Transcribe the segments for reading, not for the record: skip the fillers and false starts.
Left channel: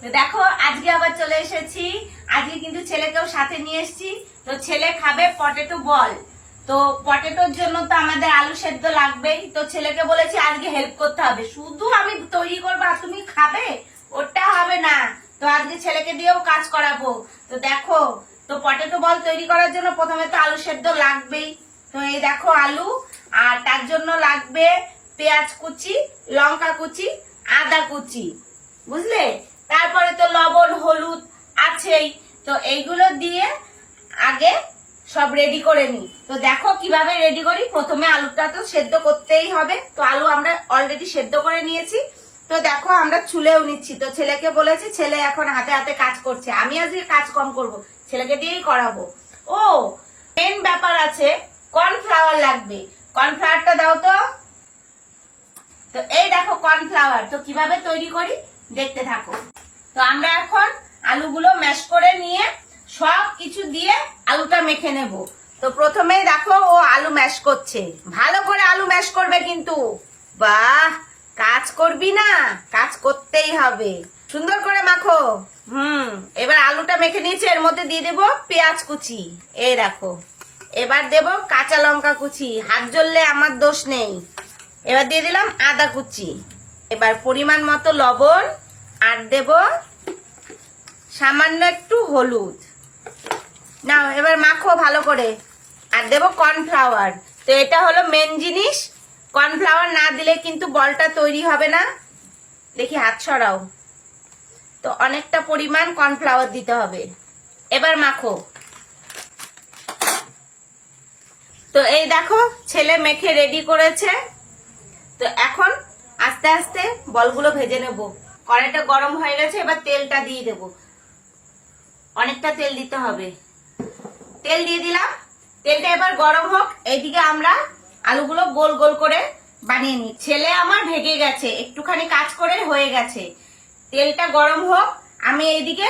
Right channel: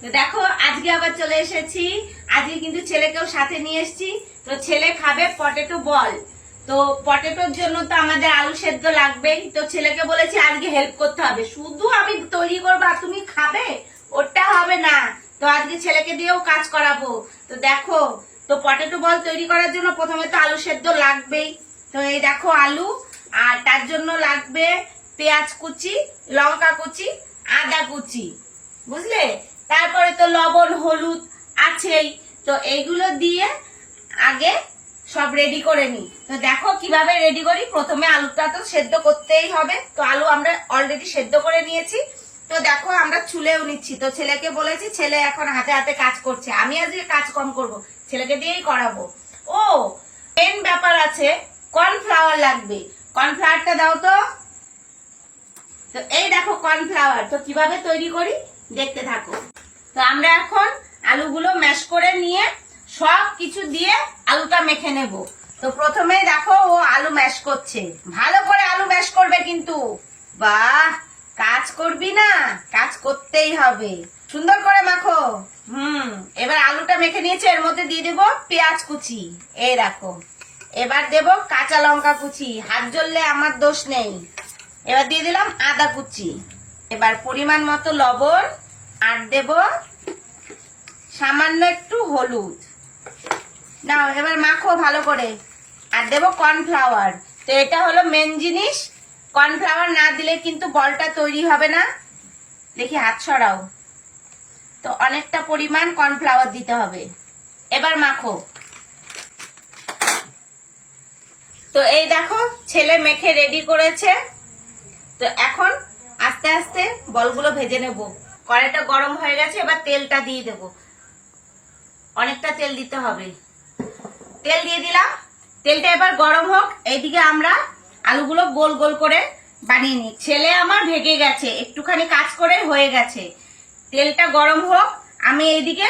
তো দেখো আজকে আবার চলে এসেছি। আজকে কিন্তু ছেলেকেও সাথে নিয়ে এসেছি। তো ছেলে খাবে পটেটো বল। তো পটেটোর জন্য তো আমাদের আলু সেদ্ধ লাগবেই। তো ছেলেকে বলেছি আজকে হেল্প করতে হবে, শুধু আমি তৈরি করবো আর তুমি খাবে, ওটা হবে না। তো আজকে ছেলেকে দিয়েও কাজ করাবো। তো দেখো, তো পটেটো বল তৈরি করার জন্য প্রথমে তো আলু সেদ্ধ লাগবেই। তো এই দেখো আলু, আর তার জন্য লাগবে পেঁয়াজ কুচি, লঙ্কা কুচি, আদা কুচি, বুঝলে। তারপরে তো লবণ হলুদ আছেই। তো এইগুলো দিয়ে আগে সব রেডি করে নি। তো দেখো কিভাবে রেডি করি। প্রথমে আলুটা তো সেদ্ধ করতেই হবে। তো আলু আমরা অলরেডি সেদ্ধ করে নিয়েছি। তো দেখো আমরা ছুলেও নিচ্ছি। তো ছেলেকে বলেছি, ছেলে এখন হাতে হাতে কাজ করছে, আমি আজকে কাজ কম করব, ছেলেকে দিয়েই করাবো। ও মেন ব্যাপার আছে, কর্নফ্লাওয়ার লাগবে। কর্নফ্লাওয়ারটা দাও তো। তো এই দেখো কর্নফ্লাওয়ার। তো কিভাবে তৈরি করি দেখতে থাকো। তো আমরা এখন আলুগুলো ম্যাশ করে নিয়ে সব কিছু দিয়ে আলুটা মেখে নেব। তো প্রথমে দেখো ও আলু ম্যাশ করছে, ভালো করে আলু ম্যাশ করবে কিন্তু। বাহ, কাজ করবি না, কাজ করতেই হবে, সুন্দর করে মাখো। এবার আলুটা মেখে নিয়েছি, এর মধ্যে দিয়ে দেবো পেঁয়াজ কুচি, এই দেখো। এবার দেব কাঁচা লঙ্কা কুচি, হাত জ্বললে আমার দোষ নেই। এবার দিয়ে দিলাম আদা কুচি। এবার পরিমাণ মতো লবণ, আর দেব সামান্য একটু হলুদ। নাও এবার মাখো ভালো করে। আর দেব কর্নফ্লাওয়ার। তো এটা হলো মেন জিনিস, কর্নফ্লাওয়ার না দিলে কিন্তু বলটা তৈরি হবে না। দেখি হাত সরাও। তো অনেকটা পরিমাণ কর্নফ্লাওয়ার দিতে হবে। এবার মাখো। তো এই দেখো ছেলে মেখে রেডি করেছে। তো এখন আস্তে আস্তে বলগুলো ভেজে নেব। কড়াইটা গরম হয়ে গেছে, এবার তেলটা দিয়ে দেব। অনেকটা তেল দিতে হবে। তেল দিয়ে দিলাম, তেলটা এবার গরম হোক। এইদিকে আমরা আলুগুলো গোল গোল করে বানিয়ে নিই। ছেলে আমার ভেগে গেছে, একটুখানি কাজ করে হয়ে গেছে। তেলটা গরম হোক, আমি এইদিকে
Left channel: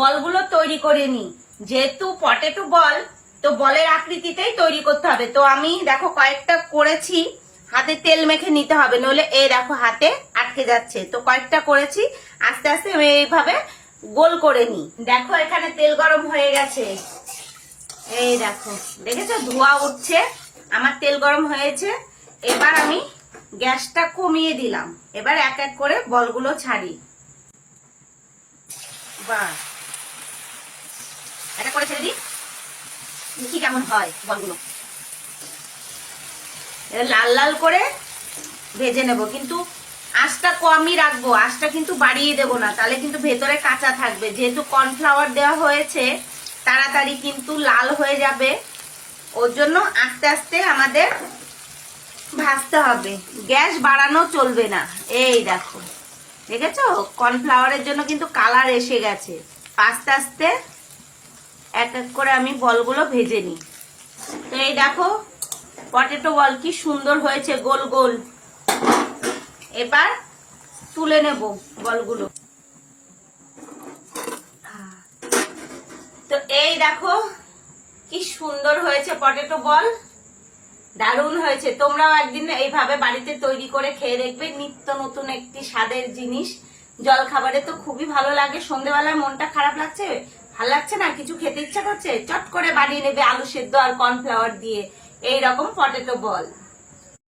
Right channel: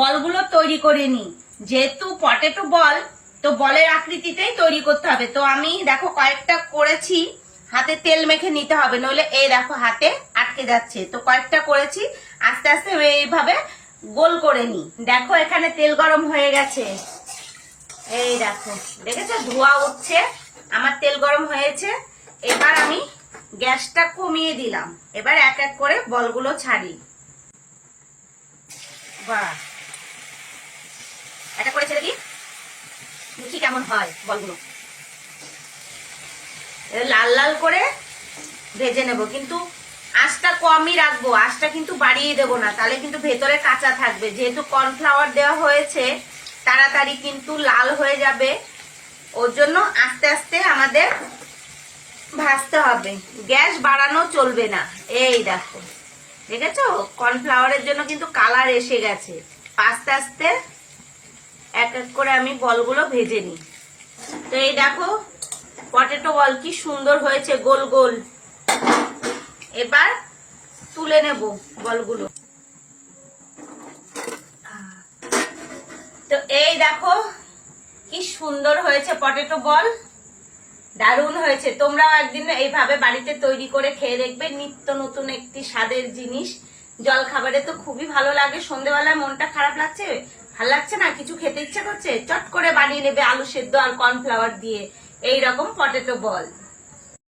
বলগুলো তৈরি করে নিই। যেহেতু পটেটো বল, তো বলের আকৃতিতেই তৈরি করতে হবে। তো আমি দেখো কয়েকটা করেছি, হাতে তেল মেখে নিতে হবে, নইলে এই দেখো হাতে আটকে যাচ্ছে। তো কয়েকটা করেছি, আস্তে আস্তে এইভাবে গোল করে নি। দেখো এখানে তেল গরম হয়ে গেছে, এই দেখো, দেখেছো ধোঁয়া উঠছে, আমার তেল গরম হয়েছে। এবার আমি গ্যাসটা কমিয়ে দিলাম। এবার এক এক করে বলগুলো ছাড়ি। বাহ, এটা করে ছেড়ে দিই, দেখি কেমন হয় বলগুলো। লাল লাল করে ভেজে নেব, কিন্তু আঁচটা কমই রাখবো, আঁচটা কিন্তু বাড়িয়ে দেবো না, তাহলে কিন্তু ভেতরে কাঁচা থাকবে। যেহেতু কর্নফ্লাওয়ার দেওয়া হয়েছে, তাড়াতাড়ি কিন্তু লাল হয়ে যাবে। ওর জন্য আস্তে আস্তে আমাদের ভাজতে হবে, গ্যাস বাড়ানো চলবে না। এই দেখো, দেখেছো কর্নফ্লাওয়ারের জন্য কিন্তু কালার এসে গেছে। আস্তে আস্তে এক এক করে আমি বলগুলো ভেজে নিই। তো এই দেখো পটেটো বল কি সুন্দর হয়েছে, গোল গোল। এবার তুলে নেব বলগুলো। তো এই দেখো কি সুন্দর হয়েছে পটেটো বল, দারুণ হয়েছে। তোমরাও একদিন এইভাবে বাড়িতে তৈরি করে খেয়ে দেখবে, নিত্য নতুন একটি স্বাদের জিনিস। জল খাবারে তো খুবই ভালো লাগে। সন্ধ্যেবেলায় মনটা খারাপ লাগছে, ভালো লাগছে না, কিছু খেতে ইচ্ছা করছে, চট করে বানিয়ে নেবে আলু সেদ্ধ আর কর্নফ্লাওয়ার দিয়ে এইরকম পটেটো বল।